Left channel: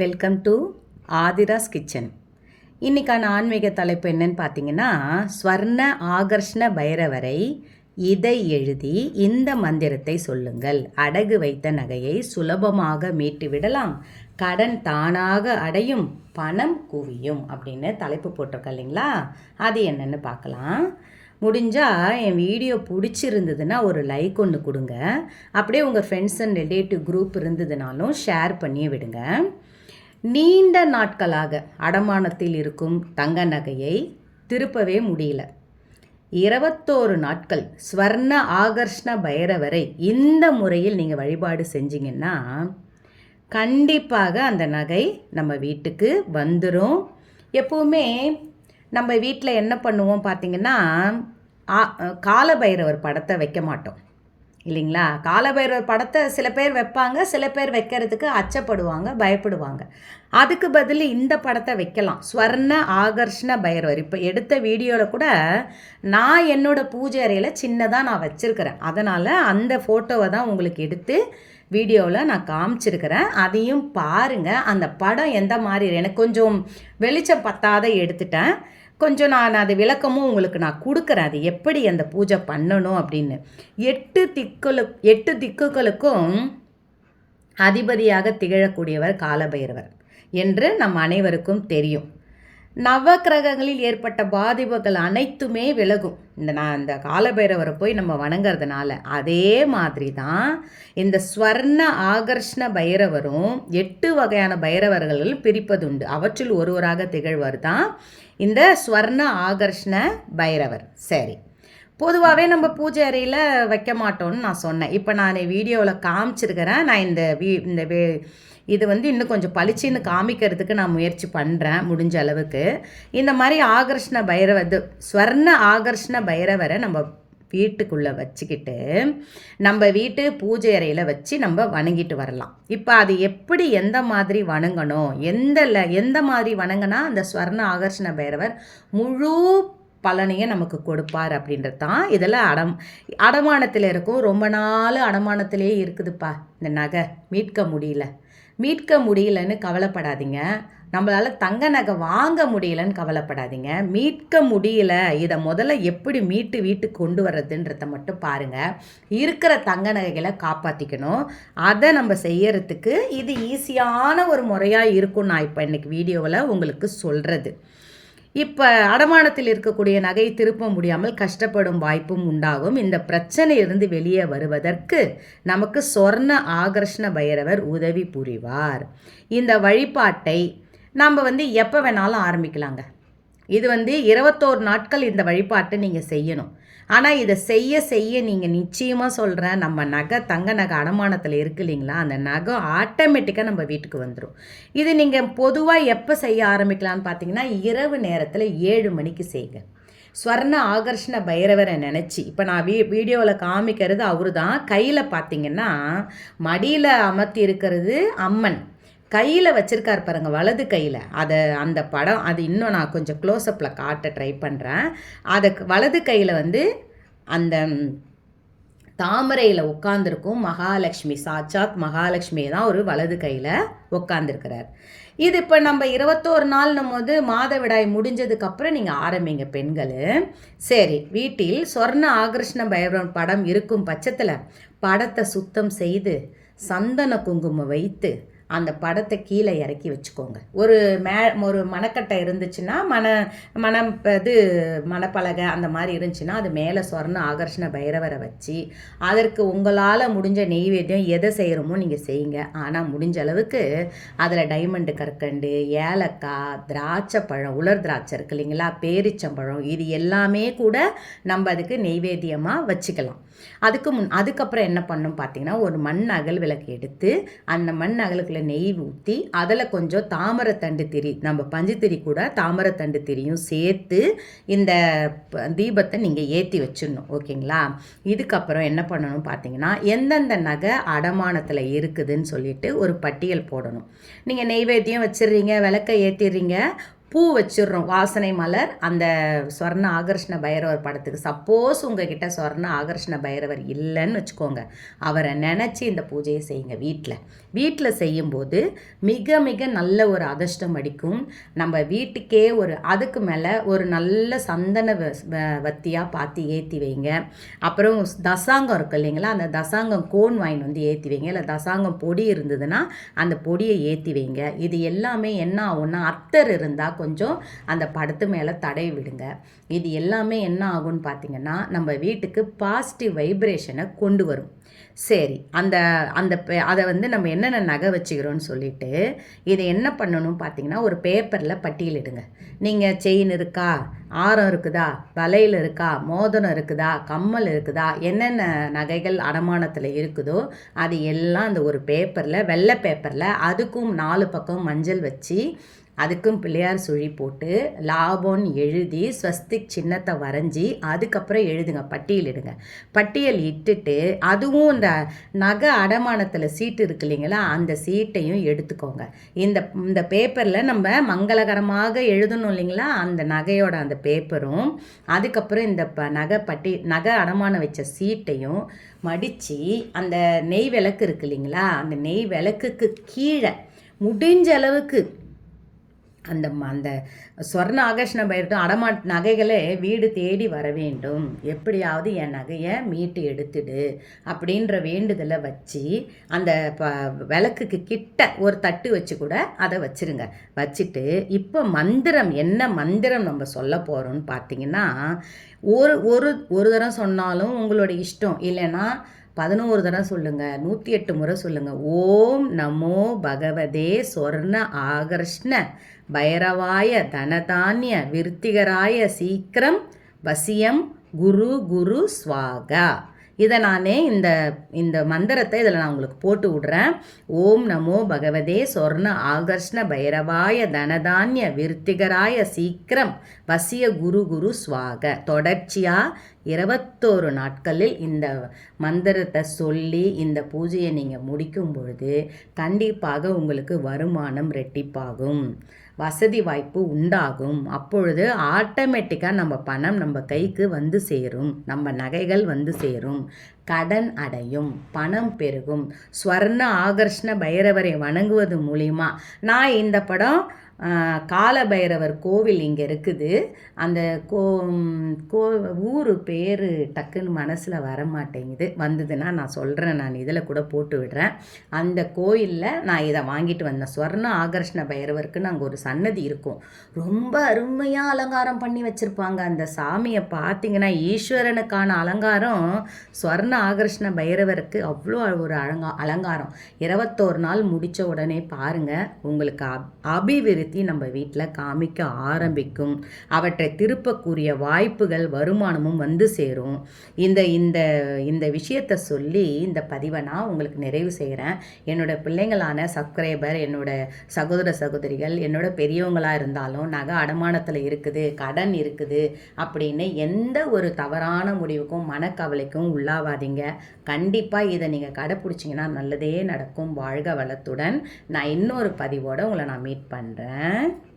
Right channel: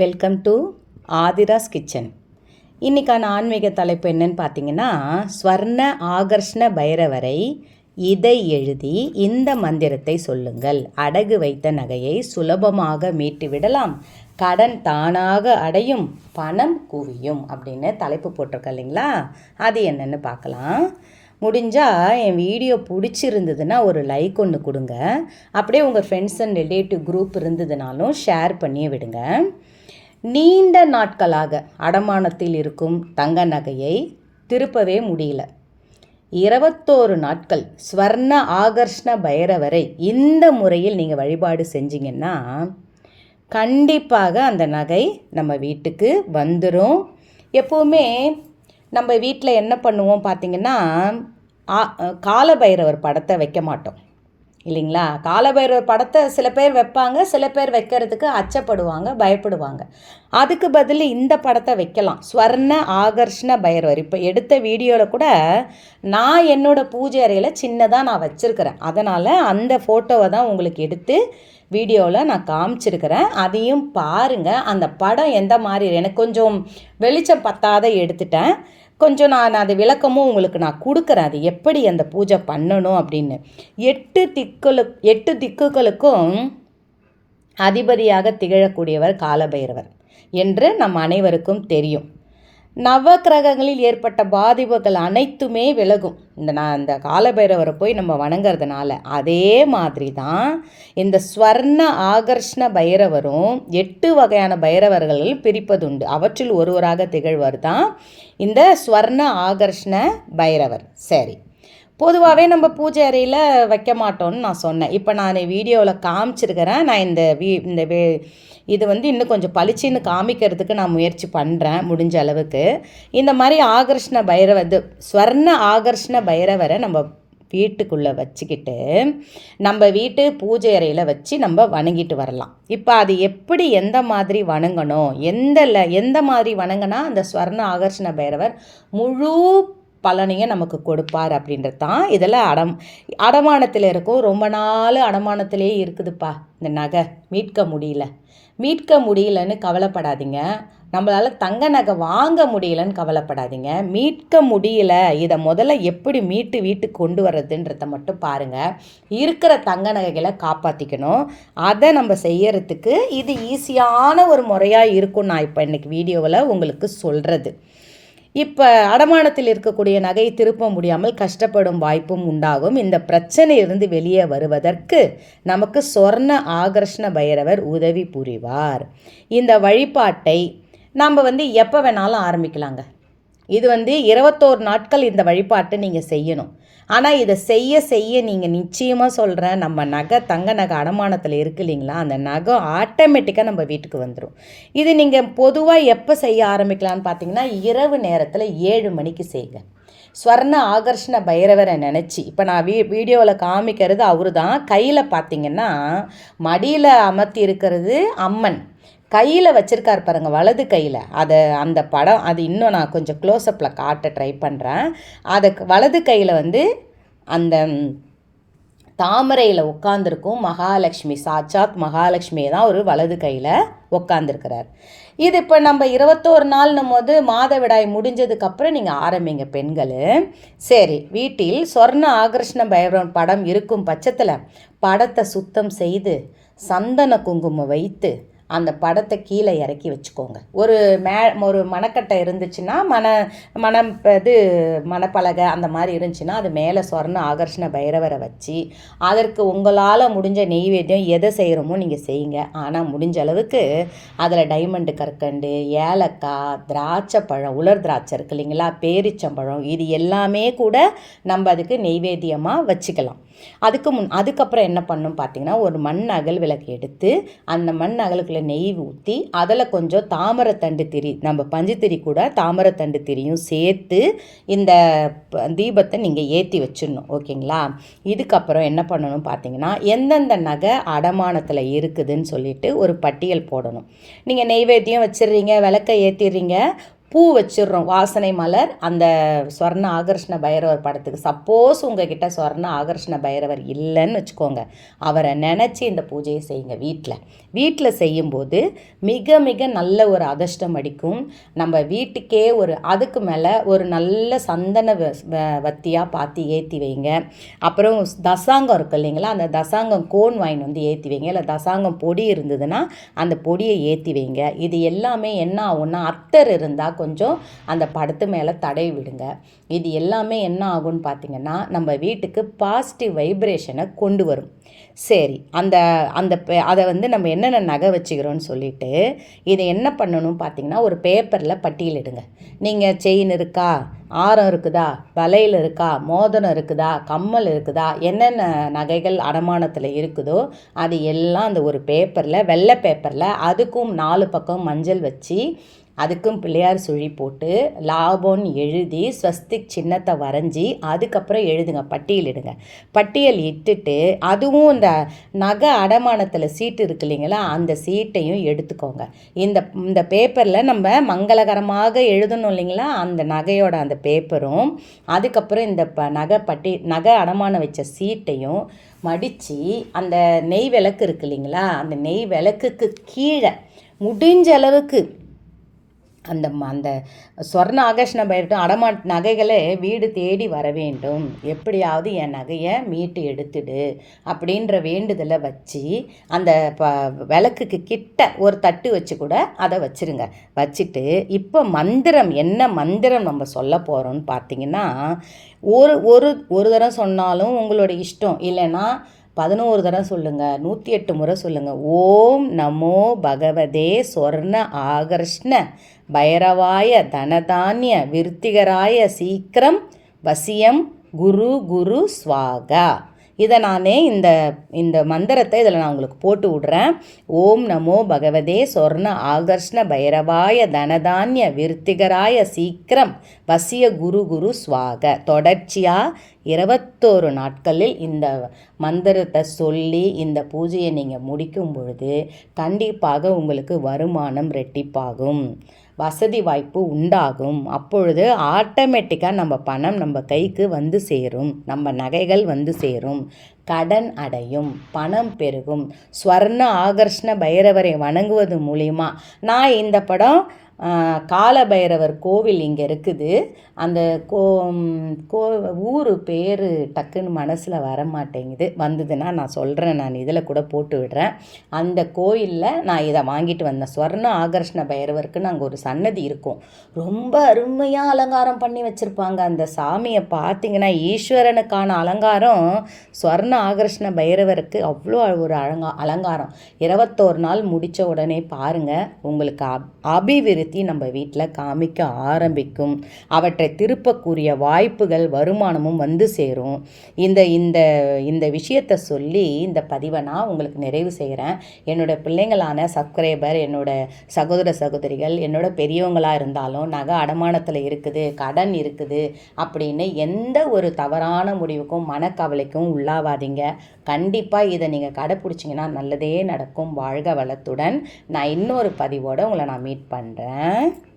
Welcome to Aadhira's kitchen இன்றைக்கான ஆன்மீக தலைப்பு என்னன்னு பார்த்தீங்கன்னா ஸ்வர்ண ஆகர்ஷ்ண பைரவரை இதை எழுதி இந்த மந்திரத்தை சொல்லுங்கள். அடகு வைத்த நகையை சுலபமாக மீட்டு விடலாம். கடன் தானாக அடையும் பணம் குவியும் அப்படின்னு தலைப்பு போட்டிருக்க இல்லைங்களா? அது என்னென்னு பார்க்கலாம். முடிஞ்சால் என் வீடியோ பிடிச்சிருந்ததுன்னா ஒரு லைக் ஒன்று கொடுங்க. அப்படியே உங்கள் ஃப்ரெண்ட்ஸ் அண்ட் ரிலேட்டிவ் குரூப் இருந்ததுனாலும் ஷேர் பண்ணி விடுங்க. நீண்ட நாட்களாக அடமானத்தில் இருக்கும் தங்க நகையை திருப்பவே முடியல. இருபத்தோரு நாட்கள் ஸ்வர்ண ஆகர்ஷ்ண பைரவரை இந்த முறையில் நீங்கள் வழிபாடு செஞ்சீங்கன்னா கண்டிப்பாக அந்த நகை நம்ம வீட்டுக்கு வந்துடும் எப்போவுமே நம்ம வீட்டில் என்ன பண்ணுவோம் பார்த்திங்கன்னா காலபைரவர் படத்தை வைக்க மாட்டோம். இல்லைங்களா? காலபைரவர் படத்தை சில பேர் வைப்பாங்க சில பேர் வைக்கிறதுக்கு அச்சப்படுவாங்க பயப்படுவாங்க. அதுக்கு பதில் இந்த படத்தை வைக்கலாம். ஸ்வர்ண ஆகர்ஷ்ண பைரவர். இப்போ எடுத்த வீடியோவில் கூட நான் என்னோடய பூஜை அறையில் சின்னதாக நான் வச்சுருக்கிறேன். அதனால் அந்த ஃபோட்டோவை தான் உங்களுக்கு எடுத்து வீடியோவில் நான் காமிச்சிருக்கிறேன். அதையும் பாருங்கள் அந்த படம் எந்த மாதிரி எனக்கு கொஞ்சம் வெளிச்சம் பத்தாத எடுத்துட்டேன். கொஞ்சம் நான் அது விளக்கமும் உங்களுக்கு நான் கொடுக்குறேன். அது எப்படி அந்த பூஜை பண்ணணும் அப்படின்னு. எட்டு திக்குலு எட்டு திக்குகளுக்கும் அதிபதியாக திகழக்கூடியவர் காலபைரவர் என்று நம் அனைவருக்கும் தெரியும். நவக்கிரகங்களில் ஏற்பட்ட பாதிப்புகள் அனைத்துமே விலகும். இந்த நான் இந்த காலபைரவரை போய் நம்ம வணங்குறதுனால அதே மாதிரி தான் இந்த ஸ்வர்ண ஆகர்ஷ்ண பைரவரும் எட்டு வகையான பைரவர்கள் பிரிப்பதுண்டு. அவற்றில் ஒருவராக திகழ்வர் தான் இந்த ஸ்வர்ண ஆகர்ஷ்ண பைரவர். சரி. பொதுவாகவே நம்ம பூஜை அறையில் வைக்க மாட்டோம்னு நான் சொன்னேன். இப்போ நான் வீடியோவில் காமிச்சிருக்கிறேன். நான் இந்த வீ இந்த வே இது வந்து இன்னும் கொஞ்சம் பளிச்சின்னு காமிக்கிறதுக்கு நான் முயற்சி பண்ணுறேன் முடிஞ்ச அளவுக்கு. இந்த மாதிரி ஆகர்ஷ்ண பைரவ இது ஸ்வர்ண ஆகர்ஷ்ண பைரவரை நம்ம வீட்டுக்குள்ளே வச்சுக்கிட்டு நம்ம வீட்டு பூஜை அறையில் வச்சு நம்ம வணங்கிட்டு வரலாம். இப்போ அது எப்படி எந்த மாதிரி வணங்கணும்? எந்த எந்த மாதிரி வணங்கினா அந்த ஸ்வர்ண ஆகர்ஷண பைரவர் முழு பலனையும் நமக்கு கொடுப்பார் அப்படின்றது தான் இதில் அடம் அடமானத்தில் இருக்கும். ரொம்ப நாள் அடமானத்திலே இருக்குதுப்பா இந்த நகை. மீட்க முடியல. மீட்க முடியலன்னு கவலைப்படாதீங்க. நம்மளால் தங்க நகை வாங்க முடியலன்னு கவலைப்படாதீங்க. மீட்க முடியல. இதை முதல்ல எப்படி மீட்டு வீட்டுக்கு கொண்டு வர்றதுன்றத மட்டும் பாருங்கள் இருக்கிற தங்க நகைகளை காப்பாற்றிக்கணும் அதை நம்ம செய்யறதுக்கு இது ஈஸியான ஒரு முறையாக இருக்கும் நான் இப்போ இன்றைக்கி வீடியோவில் உங்களுக்கு சொல்கிறது இப்போ அடமானத்தில் இருக்கக்கூடிய நகை திருப்ப முடியாமல் கஷ்டப்படும் வாய்ப்பும் உண்டாகும். இந்த பிரச்சனையிலிருந்து வெளியே வருவதற்கு நமக்கு சொர்ண ஆகர்ஷண பைரவர் உதவி புரிவார். இந்த வழிபாட்டை நம்ம வந்து எப்போ வேணாலும் ஆரம்பிக்கலாங்க. இது வந்து இருபத்தோரு நாட்கள் இந்த வழிபாட்டை நீங்கள் செய்யணும். ஆனால் இதை செய்ய செய்ய நீங்கள் நிச்சயமாக சொல்கிறேன் நம்ம நகை தங்க நகை அடமானத்தில் இருக்கு இல்லைங்களா? அந்த நகை ஆட்டோமேட்டிக்காக நம்ம வீட்டுக்கு வந்துடும் இது நீங்கள் பொதுவாக எப்போ செய்ய ஆரம்பிக்கலான்னு பார்த்தீங்கன்னா இரவு நேரத்தில் ஏழு மணிக்கு செய்யுங்க ஸ்வர்ண ஆகர்ஷண பைரவரை நினச்சி இப்போ நான் வீ வீடியோவில் காமிக்கிறது அவரு தான் கையில் பார்த்தீங்கன்னா மடியில் அமர்த்தி இருக்கிறது அம்மன். கையில் வச்சுருக்கார் பாருங்க வலது கையில். அதை அந்த படம் அது இன்னும் நான் கொஞ்சம் க்ளோஸ்அப்பில் காட்ட ட்ரை பண்ணுறேன் அதை வலது கையில் வந்து அந்த தாமரையில் உட்காந்துருக்கும் மகாலட்சுமி சாட்சாத் மகாலட்சுமியை தான் ஒரு வலது கையில் உட்காந்துருக்கிறார் இது இப்போ நம்ம இருபத்தோரு நாள்னும் போது மாதவிடாய் முடிஞ்சதுக்கப்புறம் நீங்கள் ஆரம்பிங்க பெண்கள். சரி வீட்டில் சொர்ண ஆகர்ஷ்ண பைரவன் படம் இருக்கும் பட்சத்தில் படத்தை சுத்தம் செய்து சந்தன குங்குமம் வைத்து அந்த படத்தை கீழே இறக்கி வச்சுக்கோங்க. ஒரு மே ஒரு மணக்கட்டை இருந்துச்சுன்னா மன மனம் இது மணப்பலகை அந்த மாதிரி இருந்துச்சுன்னா அது மேலே சொர்ண ஆகர்ஷண பைரவரை வச்சு அதற்கு உங்களால் முடிஞ்ச நெய்வேத்தியம் எதை செய்கிறோமோ நீங்கள் செய்யுங்க. ஆனால் முடிஞ்ச அளவுக்கு அதில் டைமண்டு கற்கண்டு ஏலக்காய் திராட்சை பழம் உலர் திராட்சை இருக்கு இல்லைங்களா? பேரிச்சம்பழம் இது எல்லாமே கூட நம்ம அதுக்கு நெய்வேத்தியமாக வச்சுக்கலாம். அதுக்கு முன் அதுக்கப்புறம் என்ன பண்ணும் பார்த்தீங்கன்னா ஒரு மண் அகல் விளக்கு எடுத்து அந்த மண் அகலுக்குள்ள நெய் ஊற்றி அதில் கொஞ்சம் தாமரத்தண்டு திரி நம்ம பஞ்சுத்திரி கூட தாமரத்தண்டு திரியும் சேர்த்து இந்த தீபத்தை நீங்கள் ஏற்றி வச்சிடணும் ஓகேங்களா? இதுக்கப்புறம் என்ன பண்ணணும் பார்த்தீங்கன்னா எந்தெந்த நகை அடமானத்தில் இருக்குதுன்னு சொல்லிட்டு ஒரு பட்டியல் போடணும். நீங்கள் நெய்வேத்தியம் வச்சிடுறீங்க விளக்கை ஏற்றிடுறீங்க பூ வச்சிடுறோம். வாசனை மலர். அந்த ஸ்வர்ண ஆகர்ஷ்ண பைரவர் படத்துக்கு சப்போஸ் உங்ககிட்ட ஸ்வர்ண ஆகர்ஷ்ண பைரவர் இல்லைன்னு வச்சுக்கோங்க. அவரை நினச்சி இந்த பூஜையை செய்யுங்க வீட்டில் வீட்டில் செய்யும்போது மிக மிக நல்ல ஒரு அதிர்ஷ்டம் அடிக்கும். நம்ம வீட்டுக்கே ஒரு அதுக்கு மேலே ஒரு நல்ல சந்தன வத்தியாக பார்த்து ஏற்றி வைங்க. அப்புறம் தசாங்கம் இருக்கு இல்லைங்களா? அந்த தசாங்கம் கோன் வாயின் வந்து ஏற்றி வைங்க. இல்லை தசாங்கம் பொடி இருந்ததுன்னா அந்த பொடியை ஏற்றி வைங்க. இது எல்லாமே என்ன ஆகும்னா அத்தர் இருந்தால் கொஞ்சம் அந்த படத்து மேலே தடை விடுங்க. இது எல்லாமே என்ன ஆகும்னு பார்த்தீங்கன்னா நம்ம வீட்டுக்கு பாசிட்டிவ் வைப்ரேஷனை கொண்டு வரும். சரி அந்த அந்த அதை வந்து நம்ம என்னென்ன நகை வச்சுக்கிறோன்னு சொல்லிட்டு இதை என்ன பண்ணணும் பார்த்தீங்கன்னா ஒரு பேப்பரில் பட்டியலிடுங்க நீங்கள் செயின் இருக்கா? ஆரம் இருக்குதா? வலையில் இருக்கா? மோதனம் இருக்குதா? கம்மல் இருக்குதா? என்னென்ன நகைகள் அடமானத்தில் இருக்குதோ அது எல்லாம் அந்த ஒரு பேப்பரில் வெள்ளை பேப்பரில் அதுக்கும் நாலு பக்கம் மஞ்சள் வச்சு அதுக்கும் பிள்ளையார் சுழி போட்டு லாபம்னு எழுதி ஸ்வஸ்திக் சின்னத்தை வரைஞ்சி அதுக்கப்புறம் எழுதுங்க பட்டியலிடுங்க பட்டியல் இட்டுட்டு அதுவும் இந்த நகை அடமானத்தில் சீட்டு இருக்கு இல்லைங்களா அந்த சீட்டையும் எடுத்துக்கோங்க. இந்த இந்த பேப்பரில் நம்ம மங்களகரமாக எழுதணும் இல்லைங்களா அந்த நகையோட அந்த பேப்பரும் அதுக்கப்புறம் இந்த ப நகை பட்டி நகை அடமானம் வச்ச சீட்டையும் மடித்து அந்த நெய் விளக்கு இருக்கு இல்லைங்களா அந்த நெய் விளக்குக்கு கீழே முடிஞ்ச அளவுக்கு அந்த அந்த ஸ்வர்ண ஆகர்ஷண பயிர்ட்டும் அடமா நகைகளே வீடு தேடி வர வேண்டும். எப்படியாவது என் நகையை மீட்டு எடுத்துடு அப்படின்ற வேண்டுதலை வச்சு அந்த ப விளக்குக்கு கிட்ட ஒரு தட்டு வச்சு கூட அதை வச்சுருங்க. வச்சுட்டு இப்போ மந்திரம் என்ன மந்திரம் நம்ம சொல்ல போகிறோம்னு பார்த்தீங்கன்னா ஒரு ஒரு ஒரு தரம் சொன்னாலும் உங்களோட இஷ்டம். இல்லைன்னா பதினோரு தரம் சொல்லுங்கள் நூற்றி எட்டு முறை சொல்லுங்கள் ஓம் நமோ பகவதே சொர்ண ஆகர்ஷ்ண பைரவாய தனதானிய விருத்திகராய சீக்கிரம் வசியம் குரு குரு ஸ்வாகா இதை நானே இந்த இந்த மந்திரத்தை இதில் நான் உங்களுக்கு போட்டு விட்றேன். ஓம் நமோ பகவதே சொர்ண ஆகர்ஷ்ண பைரவாய தனதானிய விருத்திகராய சீக்கிரம் வசிய குரு குரு ஸ்வாக தொடர்ச்சியாக இருபத்தோரு நாட்களில் இந்த மந்திரத்தை சொல்லி இந்த பூஜையை நீங்கள் முடிக்கும் பொழுது கண்டிப்பாக உங்களுக்கு வருமானம் ரெட்டிப்பாகும். வசதி வாய்ப்பு உண்டாகும். அப்பொழுது ஆட்டோமேட்டிக்காக நம்ம பணம் நம்ம கைக்கு வந்து சேரும். நம்ம நகைகள் வந்து சேரும். கடன் அடையும். பணம் பெருகும். ஸ்வர்ண ஆகர்ஷ்ண பைரவரை வணங்குவது மூலிமா நான் இந்த படம் காலபைரவர் கோவில் இங்கே இருக்குது. அந்த கோ கோ ஊர் பேர் டக்குன்னு மனசில் வர மாட்டேங்குது வந்ததுன்னா நான் சொல்கிறேன் நான் இதில் கூட போட்டு விடுறேன். அந்த கோயிலில் நான் இதை வாங்கிட்டு வந்தேன். ஸ்வர்ண ஆகர்ஷ்ண பைரவருக்குன்னு அங்கே ஒரு சன்னதி இருக்கும். ரொம்ப அருமையாக அலங்காரம் பண்ணி வச்சுருப்பாங்க. அந்த சாமியை பார்த்தீங்கன்னா ஈஸ்வரனுக்கான அலங்காரம். ஸ்வர்ண ஆகர்ஷ்ண பைரவருக்கு அவ்வளோ ஒரு அலங்கா அலங்காரம். இருபத்தோரு நாள் முடித்த உடனே பாருங்கள் உங்களுக்கு அபிவிருத்தி பற்றி நம்ம வீட்டில் காமிக்க ஆரம்பிக்கும். அவற்றை திருப்பக்கூடிய வாய்ப்புகள் வருமானமும் வந்து சேரும். இந்த இந்த இந்த விஷயத்தை சொல்லி இந்த பதிவை நான் உங்களுக்கு நிறைவு செய்கிறேன் என்னோட பிள்ளைங்களான சப்ஸ்கிரைபர் என்னோட சகோதர சகோதரிகள் என்னோட பெரியவங்களாக இருந்தாலும் நகை அடமானத்தில் இருக்குது கடன் இருக்குது அப்படின்னு எந்த ஒரு தவறான முடிவுக்கும் மனக்கவலைக்கும் உள்ளாவாதீங்க. கண்டிப்பாக இதை நீங்கள் கடைப்பிடிச்சிங்கன்னா நல்லதே நடக்கும். வாழ்க வளத்துடன் நான் இன்னொரு பதிவோடு உங்களை நான் மீட் பண்ணுறேன் பாருங்கள்